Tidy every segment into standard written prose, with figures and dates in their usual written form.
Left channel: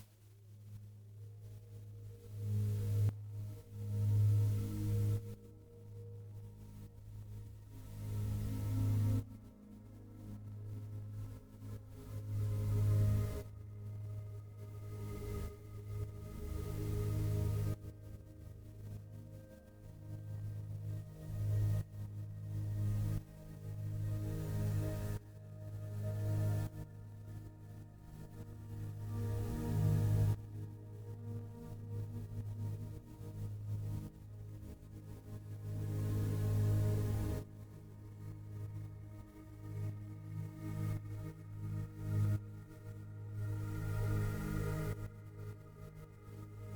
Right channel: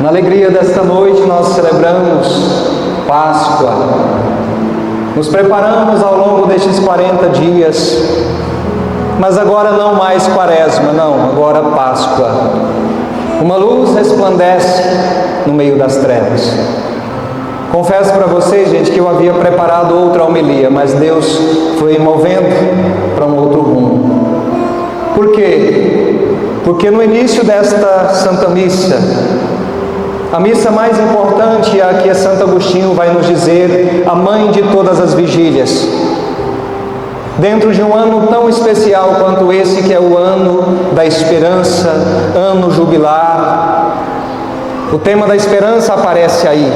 Na alegria desta noite nós celebramos Páscoa. Nos preparamos ao longo destes 40 dias, mas agora não mais Quaresma, não, agora Páscoa. Uma luz resplandece no meio das trevas. Confesso para vocês, gente, que eu havia preparado outra homilia, mas Deus foi movendo para um outro rumo. Por quê? Porque no início desta Santa Missa, a missa mais importante é a que Santo Agostinho vai nos dizer, a mãe de todas as vigílias. Dentro de um ano tão especial quanto esse, que é o ano da esperança, ano jubilar, o tema da esperança aparece aí.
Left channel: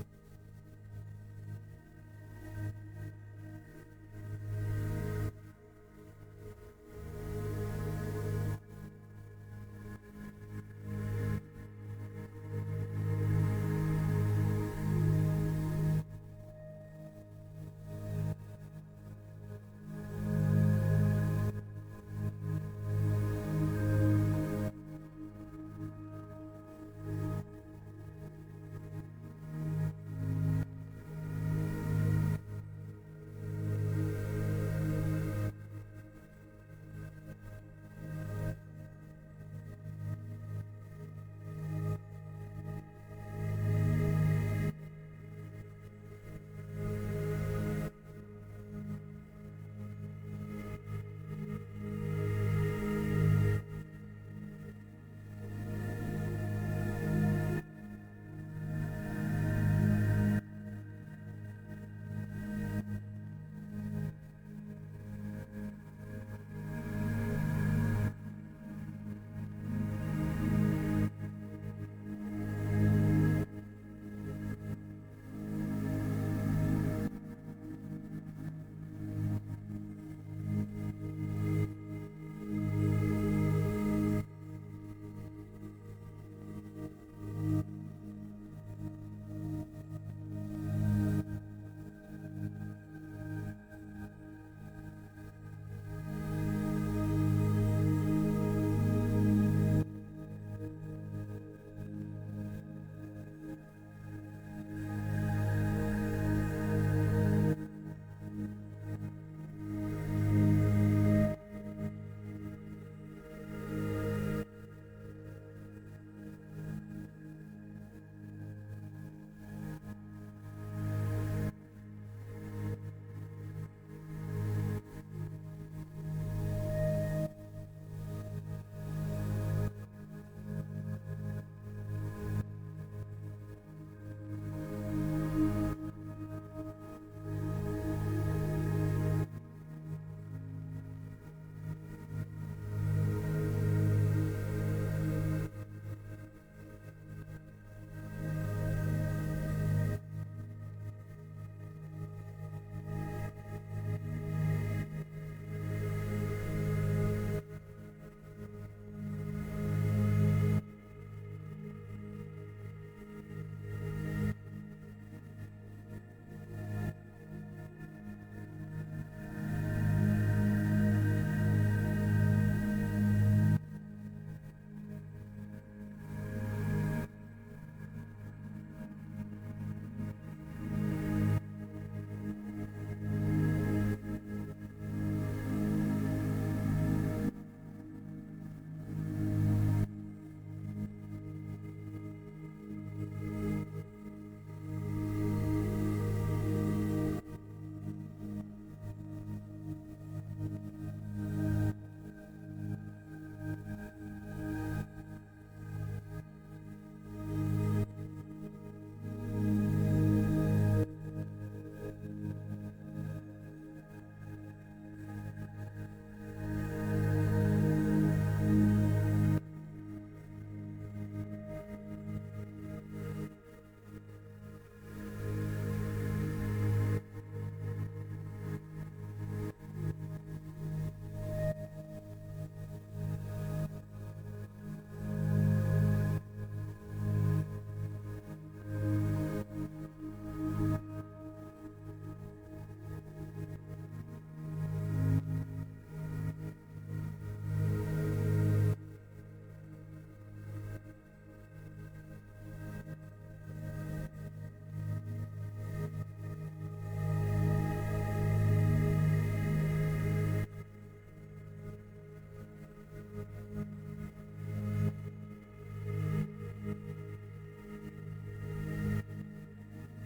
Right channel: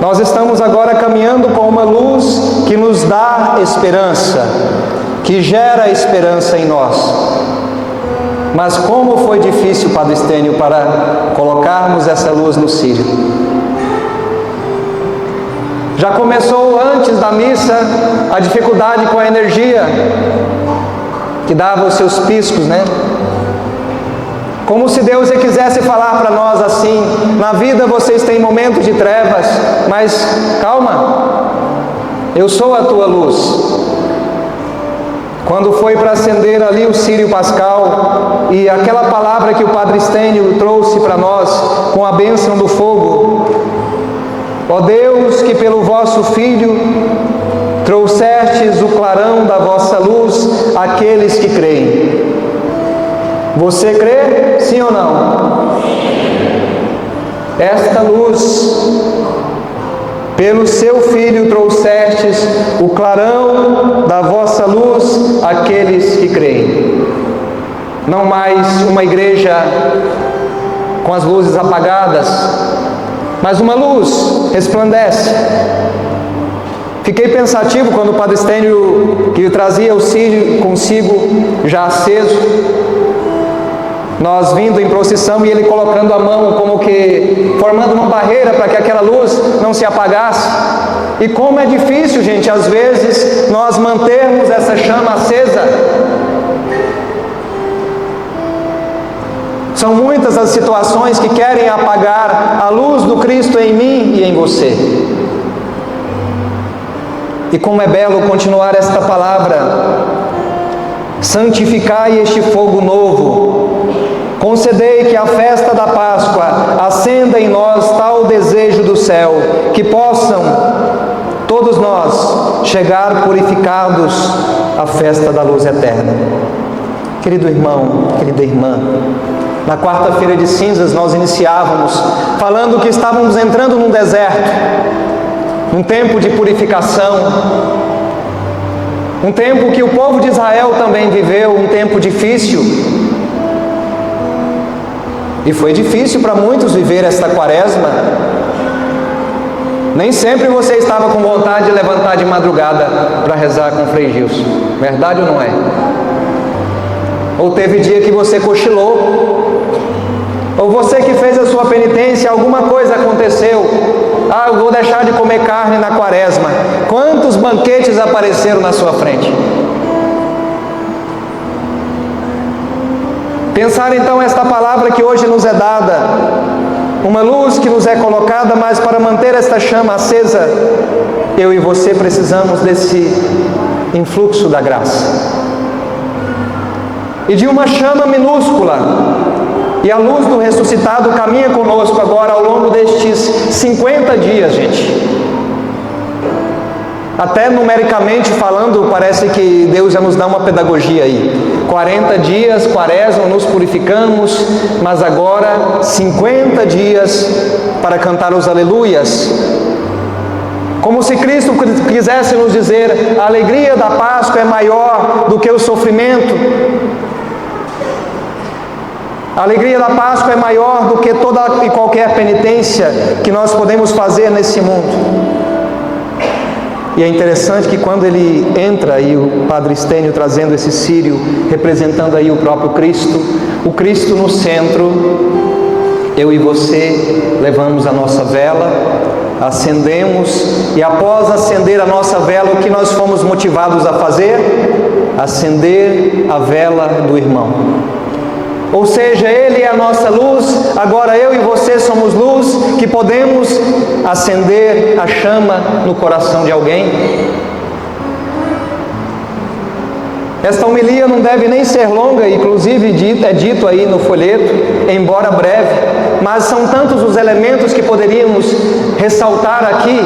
Nós estamos agora caminhando com uma luz que nos dá esperança, que gera esperança em nós. Mas como foi difícil, Padre Estênio, para colocarmos essa luz no círio. Já começou antes da missa a dificuldade com a energia, que dava os seus piscos, né? Como se Deus quisesse falar para nós assim: na vida vocês têm momentos de trevas, mas calma, eu sou a tua luz. Quando foi para acender ali o círio pascal, e aquela palavra que o Padre Estênio trouxe para nós, com a bênção do fogo: ó Deus, que pelo vosso Filho trouxestes o clarão da vossa luz àqueles que creem. Você crê? Sim ou não? Esta luz, pelo seu Filho trouxestes o clarão da vossa luz àqueles que creem. Não mais uma igreja com as luzes apagadas, mas uma luz resplandece. Fiquei pensativo quando o Padre Estênio, que trazia o círio consigo já aceso, nós vindo em procissão e ele colocando a mão como que formando uma barreira para que aquela luz não se apagasse. E como é difícil, gente, às vezes nós mantermos essa chama acesa. São muitas as situações que querem apagar a luz do Cristo em mim e em você. E como é belo continuar esta palavra: santificai este fogo novo. Concedei que a festa da Páscoa acenda em nós tal desejo do céu, que possam todos nós chegar purificados à festa da luz eterna. Querido irmão, querida irmã, na quarta-feira de cinzas nós iniciávamos falando que estávamos entrando num deserto, um tempo de purificação, um tempo que o povo de Israel também viveu, um tempo difícil. E foi difícil para muitos viver esta quaresma. Nem sempre você estava com vontade de levantar de madrugada para rezar com o Frei Gilson. Verdade ou não é? Ou teve dia que você cochilou. Ou você que fez a sua penitência, alguma coisa aconteceu. Ah, eu vou deixar de comer carne na quaresma. Quantos banquetes apareceram na sua frente? Pensar então esta palavra que hoje nos é dada, uma luz que nos é colocada, mas para manter esta chama acesa, eu e você precisamos desse influxo da graça. E de uma chama minúscula, e a luz do ressuscitado caminha conosco agora ao longo destes 50 dias, gente. Até numericamente falando, parece que Deus já nos dá uma pedagogia aí. 40 dias, quaresma, nos purificamos, mas agora 50 dias para cantar os aleluias. Como se Cristo quisesse nos dizer: a alegria da Páscoa é maior do que o sofrimento. A alegria da Páscoa é maior do que toda e qualquer penitência que nós podemos fazer nesse mundo. E é interessante que quando ele entra aí, o Padre Estênio trazendo esse círio, representando aí o próprio Cristo, o Cristo no centro, eu e você levamos a nossa vela, acendemos, e após acender a nossa vela, o que nós fomos motivados a fazer? Acender a vela do irmão. Ou seja, ele é a nossa luz, agora eu e você somos luz que podemos acender a chama no coração de alguém. Esta homilia não deve nem ser longa, inclusive é dito aí no folheto, embora breve, mas são tantos os elementos que poderíamos ressaltar aqui,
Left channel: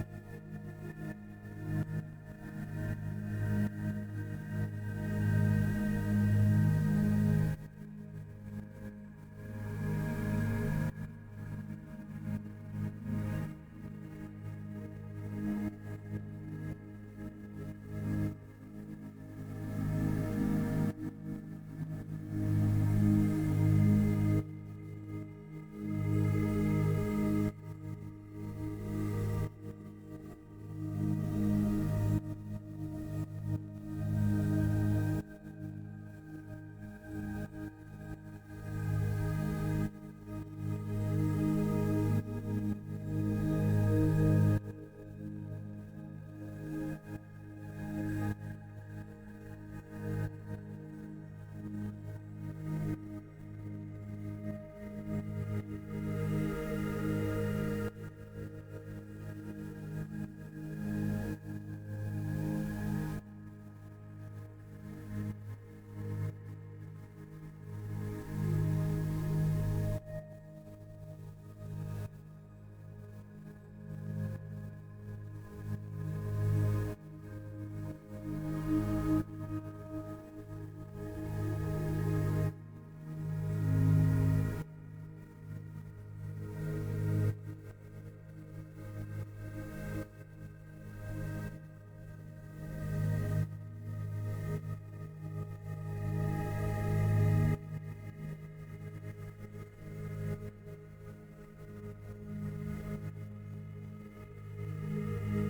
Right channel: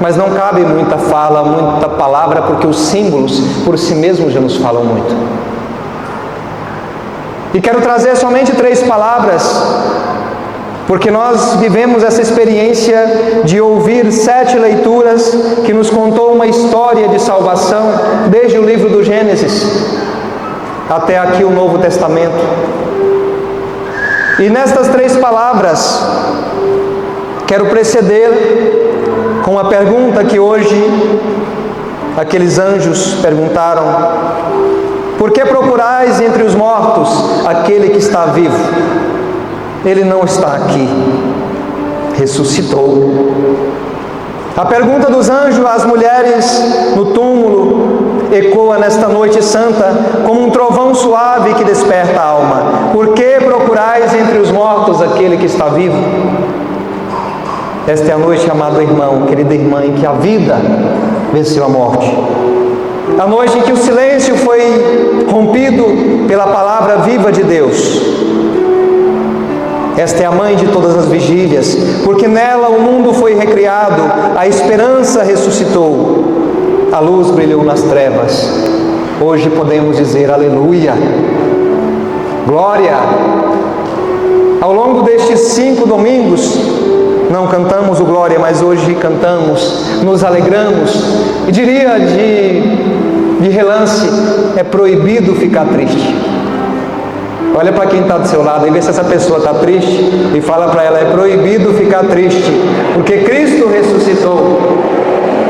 mas não cabe muita fala, muita palavra, porque os símbolos por si mesmos já nos falam muito. E quero trazer somente 3 palavras, porque nós vivemos essa experiência de ouvir 7 leituras que nos contou uma história de salvação, desde o livro do Gênesis até aqui o Novo Testamento. E nestas 3 palavras, quero preceder com a pergunta que hoje aqueles anjos perguntaram: por que procurais entre os mortos aquele que está vivo? Ele não está aqui, ressuscitou. A pergunta dos anjos às mulheres no túmulo ecoa nesta noite santa como um trovão suave que desperta a alma. Por que procurais entre os mortos aquele que está vivo? Esta é a noite, amado irmão, querida irmã, em que a vida venceu a morte. A noite em que o silêncio foi rompido pela palavra viva de Deus. Esta é a mãe de todas as vigílias, porque nela o mundo foi recriado, a esperança ressuscitou, a luz brilhou nas trevas. Hoje podemos dizer aleluia, glória. Ao longo destes 5 domingos, não cantamos o glória, mas hoje cantamos, nos alegramos. E diria de relance, é proibido ficar triste. Olha para quem está do seu lado e vê se essa pessoa está triste e fala para ela: é proibido ficar triste, porque Cristo ressuscitou.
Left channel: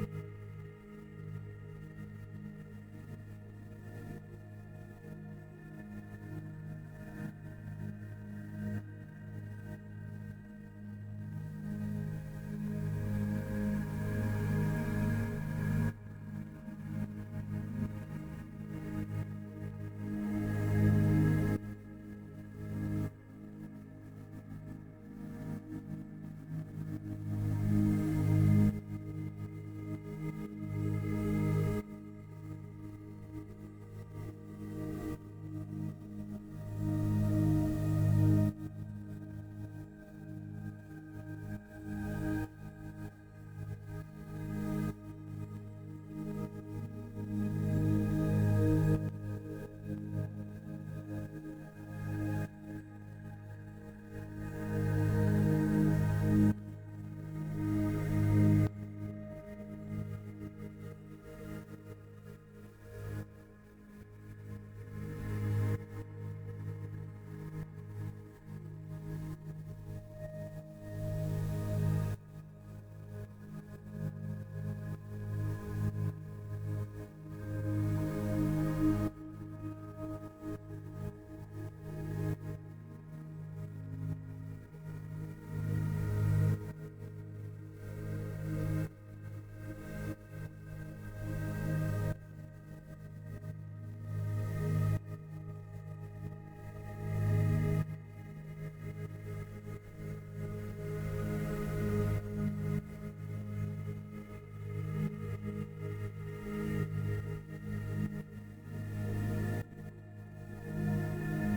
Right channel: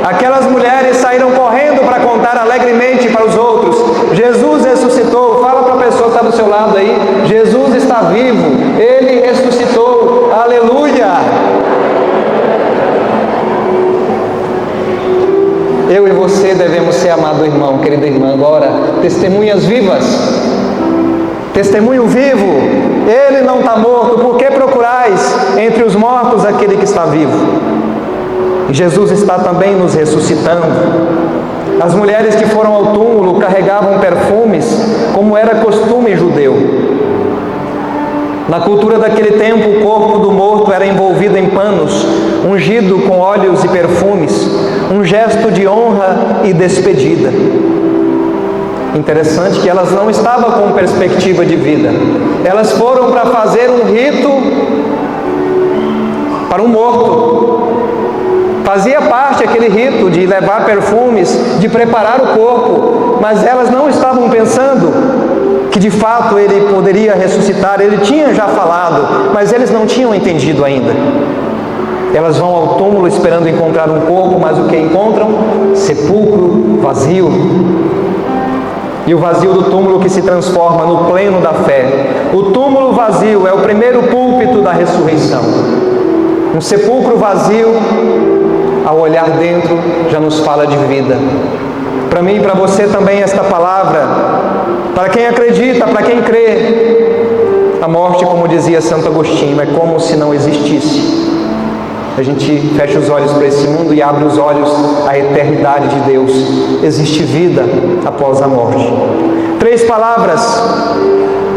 Aquelas mulheres saíram correndo para contar alegremente para os outros: Jesus ressuscitou. Fala para a pessoa que está do seu lado aí: Jesus está vivo, Ele ressuscitou, aleluia. Eu e você devemos ser, amado irmão, querida irmã, agora testemunhas vivas. Testemunho vivo, Ele não está morto. Por que procurais entre os mortos aquele que está vivo? Jesus está também nos ressuscitando. As mulheres que foram ao túmulo carregavam perfumes, como era costume judeu. Na cultura daquele tempo, o corpo do morto era envolvido em panos, ungido com óleos e perfumes, um gesto de honra e despedida. Interessante que elas não estavam com perspectiva de vida. Elas foram para fazer um rito para um morto. Fazia parte aquele rito de levar perfumes, de preparar o corpo, mas elas não estavam pensando que de fato ele poderia ressuscitar. Ele tinha já falado, mas eles não tinham entendido ainda. Elas vão ao túmulo esperando encontrar um corpo, mas o que encontram? Sepulcro vazio. E o vazio do túmulo que se transforma no pleno da fé. O túmulo vazio é o primeiro púlpito da ressurreição. Um sepulcro vazio, ao olhar dentro, já nos fala de vida. Para mim e para você também esta palavra, para quem acredita, para quem crê, a morte, como dizia Santo Agostinho, é como se não existisse. A gente fecha os olhos para esse mundo e abre os olhos à eternidade de Deus. Existe vida após a morte. 3 palavras.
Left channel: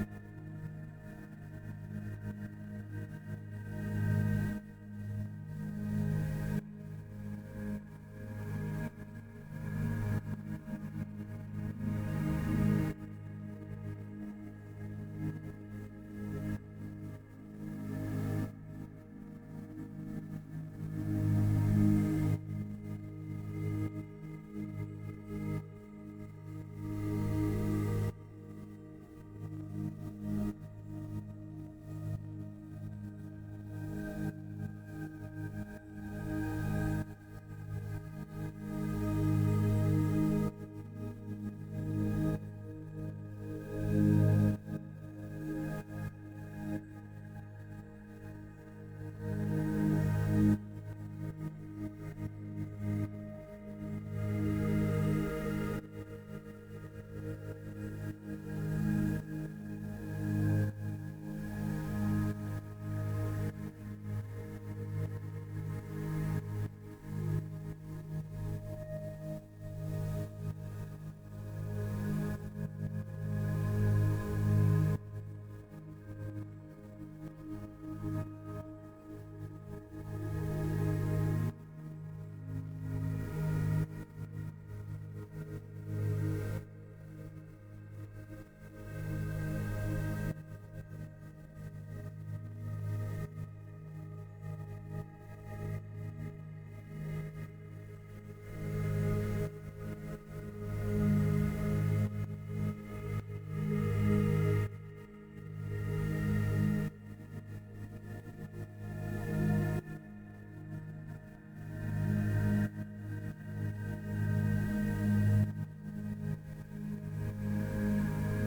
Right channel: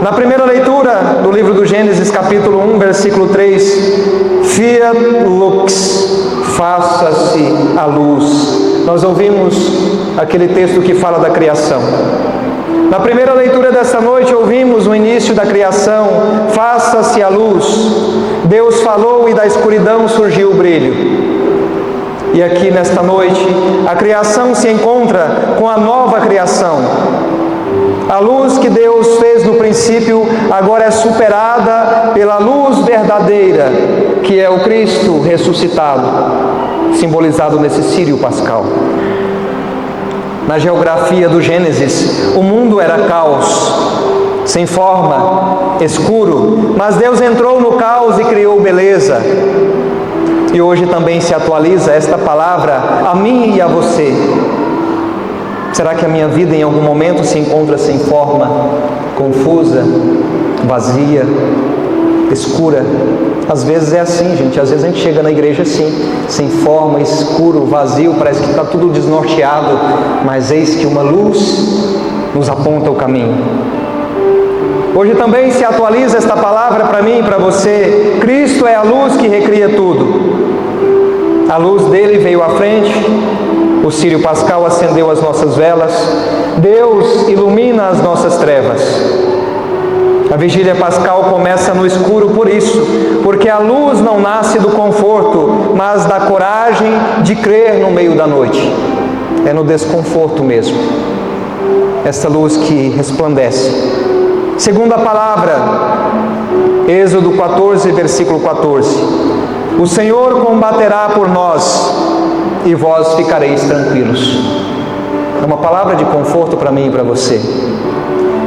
Na primeira leitura do livro do Gênesis, capítulo 1, versículo 3, Fiat lux, faça-se a luz. Nós ouvimos aquele texto que fala da criação. Na primeira leitura desta noite, ouvimos o início da criação: faça-se a luz. Deus falou e da escuridão surgiu o brilho. E aqui nesta noite, a criação se encontra com a nova criação. A luz que Deus fez no princípio agora é superada pela luz verdadeira, que é o Cristo ressuscitado, simbolizado nesse círio pascal. Na geografia do Gênesis, o mundo era caos, sem forma, escuro, mas Deus entrou no caos e criou beleza. E hoje também se atualiza esta palavra a mim e a você. Será que a minha vida em algum momento se encontra sem forma, confusa, vazia? escura. Às vezes é assim, gente. Às vezes a gente chega na igreja assim, sem forma, escuro, vazio, parece que está tudo desnorteado, mas eis que uma luz nos aponta o caminho. Hoje também se atualiza esta palavra para mim e para você. Cristo é a luz que recria tudo. A luz dele veio à frente, o círio pascal acendeu as nossas velas, Deus ilumina as nossas trevas. A vigília pascal começa no escuro por isso, porque a luz não nasce do conforto, mas da coragem de crer no meio da noite. É no desconforto mesmo, esta luz que resplandece. Segunda palavra, Êxodo 14, versículo 14. O Senhor combaterá por nós e vós ficareis tranquilos. É uma palavra de conforto para mim e para você.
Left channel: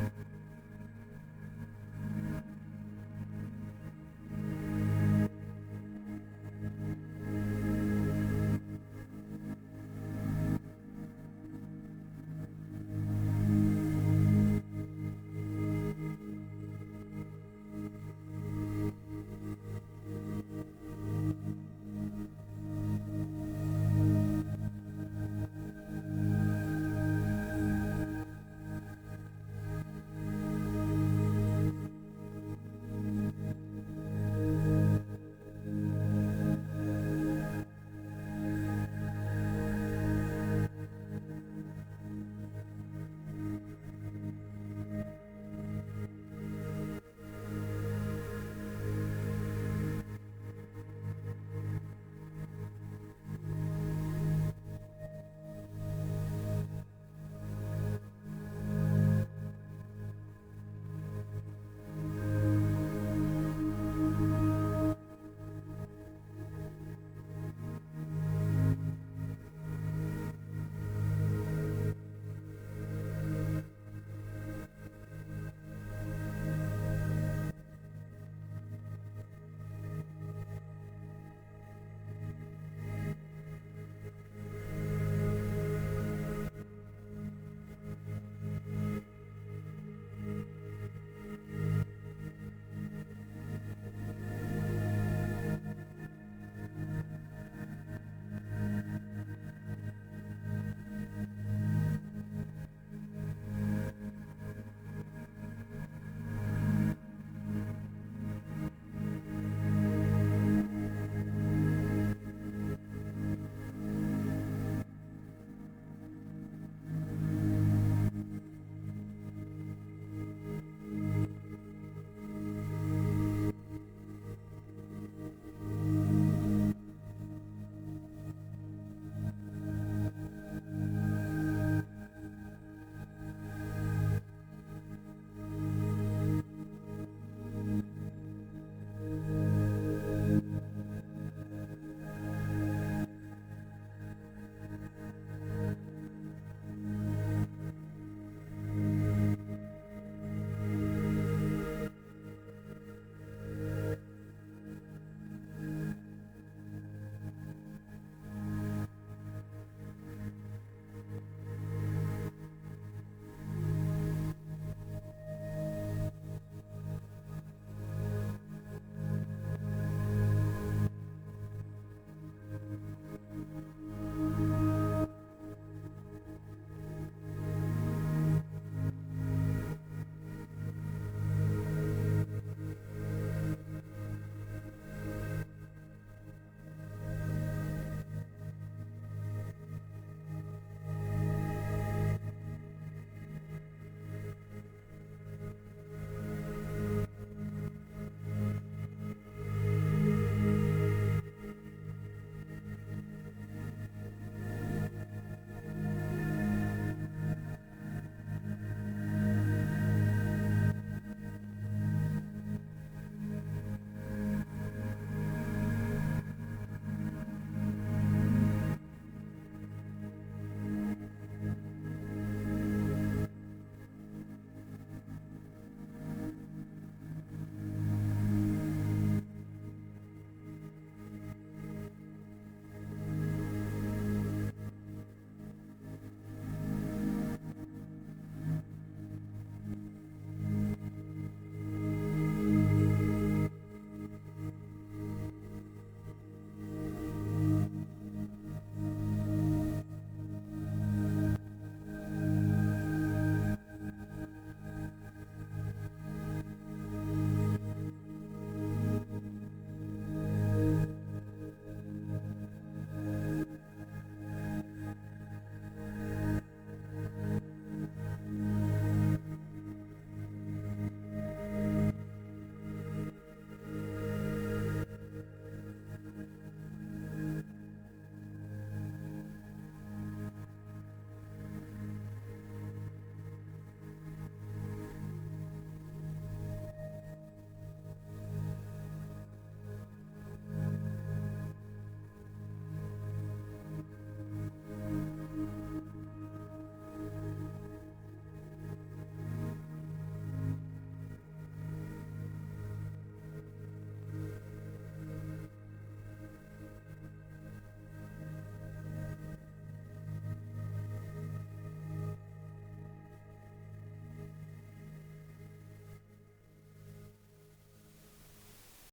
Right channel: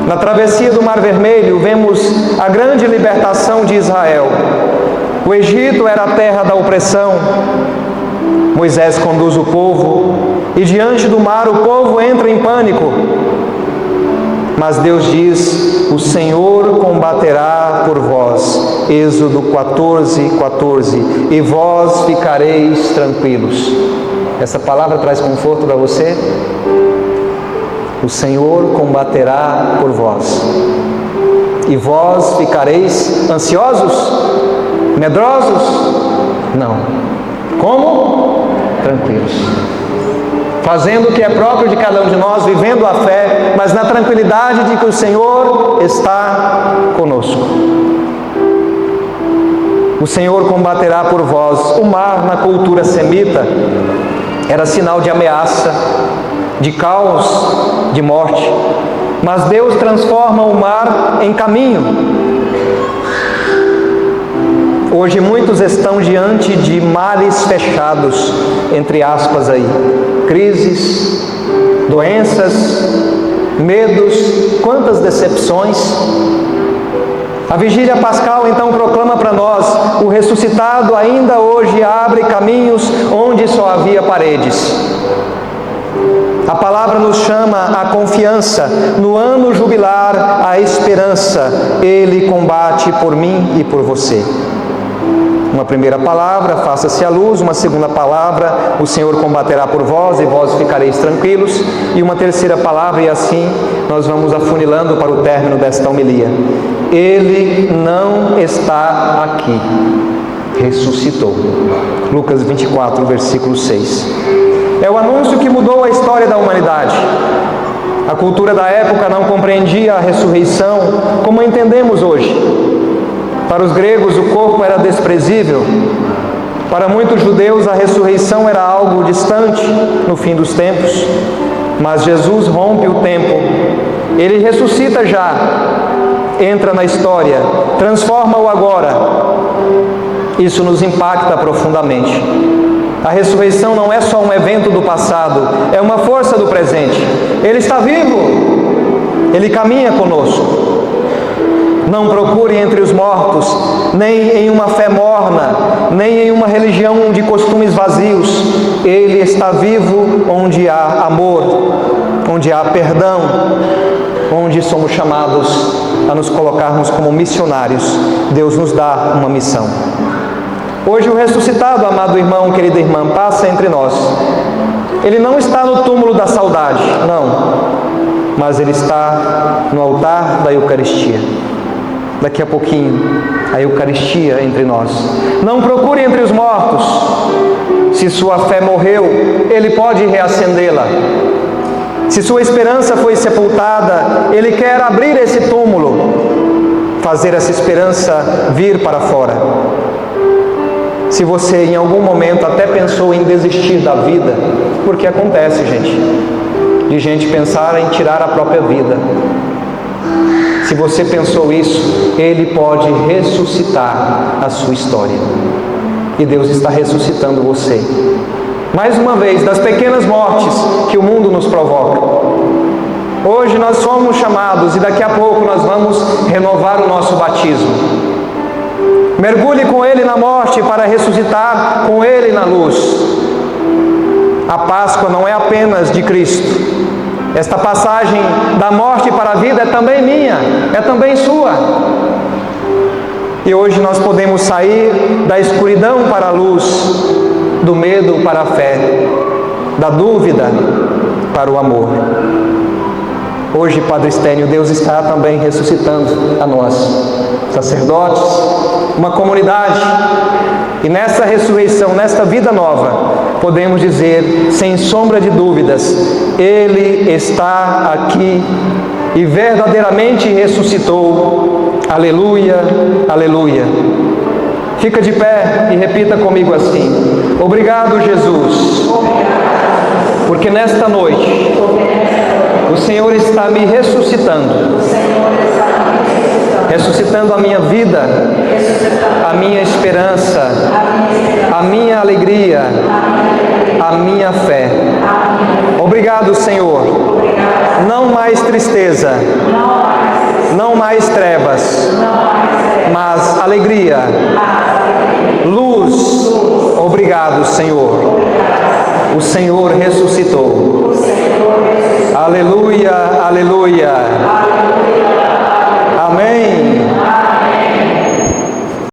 Na travessia do Mar Vermelho, vemos a grande libertação de Israel. O Egito era a terra da opressão. Moisés conduz o povo e diante do mar o povo entra em pânico. Mas Deus diz: o Senhor combaterá por vós. Êxodo 14, 14. E vós ficareis tranquilos. Essa palavra traz conforto para você? O Senhor combaterá por vós. E vós ficareis ansiosos? Medrosos? Não. Como? Tranquilos. Fazendo o que é próprio de cada um de nós, vivendo a fé, mas na tranquilidade de que o Senhor está conosco. O Senhor combaterá por vós. O mar, na cultura semita, era sinal de ameaça, de caos, de morte. Mas Deus transforma o mar em caminho. Hoje muitos estão diante de mares fechados, entre aspas aí. Crises, doenças, medos, quantas decepções. A vigília pascal então proclama para nós: o ressuscitado ainda hoje abre caminhos onde só havia paredes. A palavra nos chama à confiança, no ano jubilar, à esperança. Ele combate por mim e por você. Uma primeira palavra, faça-se a luz. Uma segunda palavra, o Senhor combaterá por vós e vós ficareis tranquilos. E uma terceira palavra, e assim nós vamos afunilando para o término desta homilia: Ele não está aqui, ressuscitou. Lucas 24, versículo 6. É o anúncio que mudou a história da humanidade. A cultura da época não compreendia a ressurreição como a entendemos hoje. Para os gregos, o corpo era desprezível. Para muitos judeus, a ressurreição era algo distante no fim dos tempos. Mas Jesus rompe o tempo. Ele ressuscita já, entra na história, transforma o agora. Isso nos impacta profundamente. A ressurreição não é só um evento do passado, é uma força do presente. Ele está vivo, Ele caminha conosco. Não procure entre os mortos, nem em uma fé morna, nem em uma religião de costumes vazios. Ele está vivo onde há amor, onde há perdão, onde somos chamados a nos colocarmos como missionários. Deus nos dá uma missão. Hoje o ressuscitado, amado irmão, querida irmã, passa entre nós. Ele não está no túmulo da saudade, não, mas ele está no altar da Eucaristia. Daqui a pouquinho, a Eucaristia entre nós. Não procure entre os mortos. Se sua fé morreu, Ele pode reacendê-la. Se sua esperança foi sepultada, Ele quer abrir esse túmulo, fazer essa esperança vir para fora. Se você em algum momento até pensou em desistir da vida, porque acontece, gente, de gente pensar em tirar a própria vida. Se você pensou isso, Ele pode ressuscitar a sua história. E Deus está ressuscitando você. Mais uma vez, das pequenas mortes que o mundo nos provoca. Hoje nós somos chamados e daqui a pouco nós vamos renovar o nosso batismo. Mergulhe com Ele na morte para ressuscitar com Ele na luz. A Páscoa não é apenas de Cristo. Esta passagem da morte para a vida é também minha, é também sua. E hoje nós podemos sair da escuridão para a luz, do medo para a fé, da dúvida para o amor. Hoje, Padre Estênio, Deus está também ressuscitando a nós, sacerdotes, uma comunidade. E nessa ressurreição, nesta vida nova, podemos dizer, sem sombra de dúvidas, Ele está aqui e verdadeiramente ressuscitou. Aleluia, aleluia. Fica de pé e repita comigo assim: obrigado, Jesus, porque nesta noite o Senhor está me ressuscitando, ressuscitando a minha vida, a minha esperança, a minha alegria, a minha fé. Obrigado, Senhor. Não mais tristeza, não mais trevas, mas alegria, luz. Obrigado, Senhor. O Senhor ressuscitou